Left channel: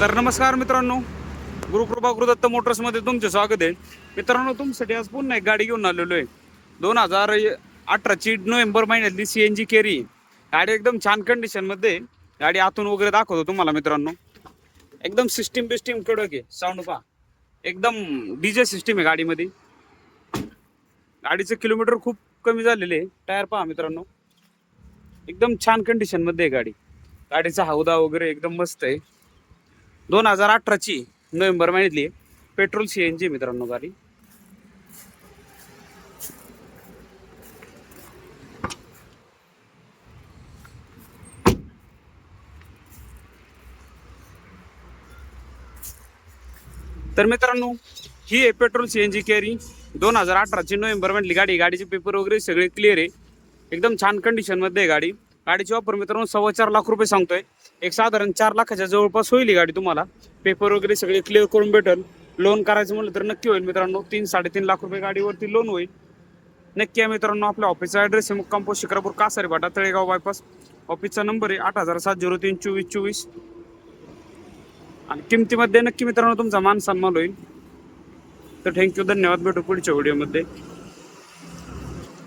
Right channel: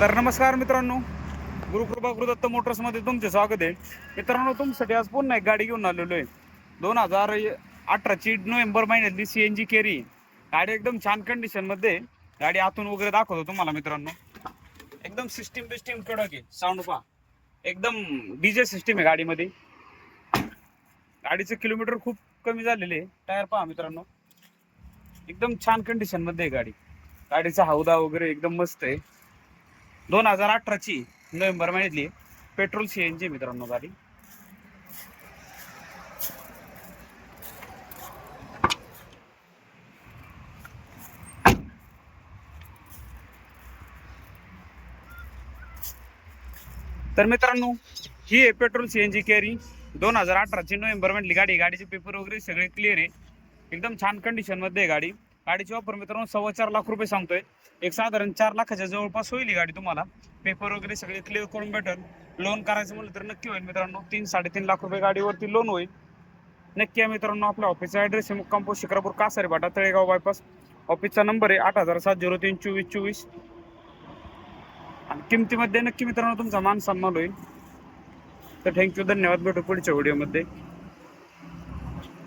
तर नमस्कार मित्रांनो गुरुकृपा गुरुदत्त मोटर्समध्ये तुमचे स्वागत आहे. मित्रांनो तुमच्यासाठी आज पुन्हा एक गाडी घेऊन आलेलो आहे. दोन हजार अठराची नोव्हेंबर महिन्यातली सी एन जी केरी गाडी एकदम छान कंडिशनमध्ये आहे. गाडी आतून वगैरे दाखवतो तुम्हाला मित्रांनो. एकदम सिस्टीम बिस्टीम कडक आहे. साऊंड पहा. एकदम डीजे सिस्टीम आहे गाडीमध्ये. गाडीचे किलोमीटर खूप कमी झालेले आहे. टायर पहा मित्रांनो. एकदम छान कंडिशनमध्ये आहे गाडी. गाडीचा हौदा वगैरे एकदम मस्त आहे. दोन हजार अठराची नोव्हेंबर महिन्यातली आहे. पेट्रोल सी एन जी मित्रांनो गाडी. तर मित्रांनो ही आहे petrol C N G carry दोन हजार अठराची नोव्हेंबर म्हटली गाडी गाडीचे पेपर वगैरे सगळे क्लिअर आहे. एकदम छान कंडिशनमध्ये आहे गाडी. गाडीची ऑफर मित्रांनो सव्वा चार लाख रुपये सांगतोय. एक साधारण चार लाखाच्या जवळपास होईल ही गाडी तुम्हाला. पेपर वगैरे सगळे क्लिअर करून भेटेल. लोन करायचं म्हणलं तर नक्की होईल मित्रांनो. तीन साडेतीन लाख रुपये गाडीवरती लोन होईल. नक्की आहे मित्रांनो आपल्या ऑफिसचा ॲड्रेस आहे मुक्काम पोस्ट शिक्रापूर कासारे भाटा तळेगाव बायपास ऑफिसचा नंबर आहे आठ हजार सात झिरो तीन चोवीस चोवीस. आणि किमतीमध्ये नक्की मित्रांनो तुमचा मान सन्मान होईल. तर थँक्यू धन्यवाद. भेटू पुढच्या व्हिडिओमध्ये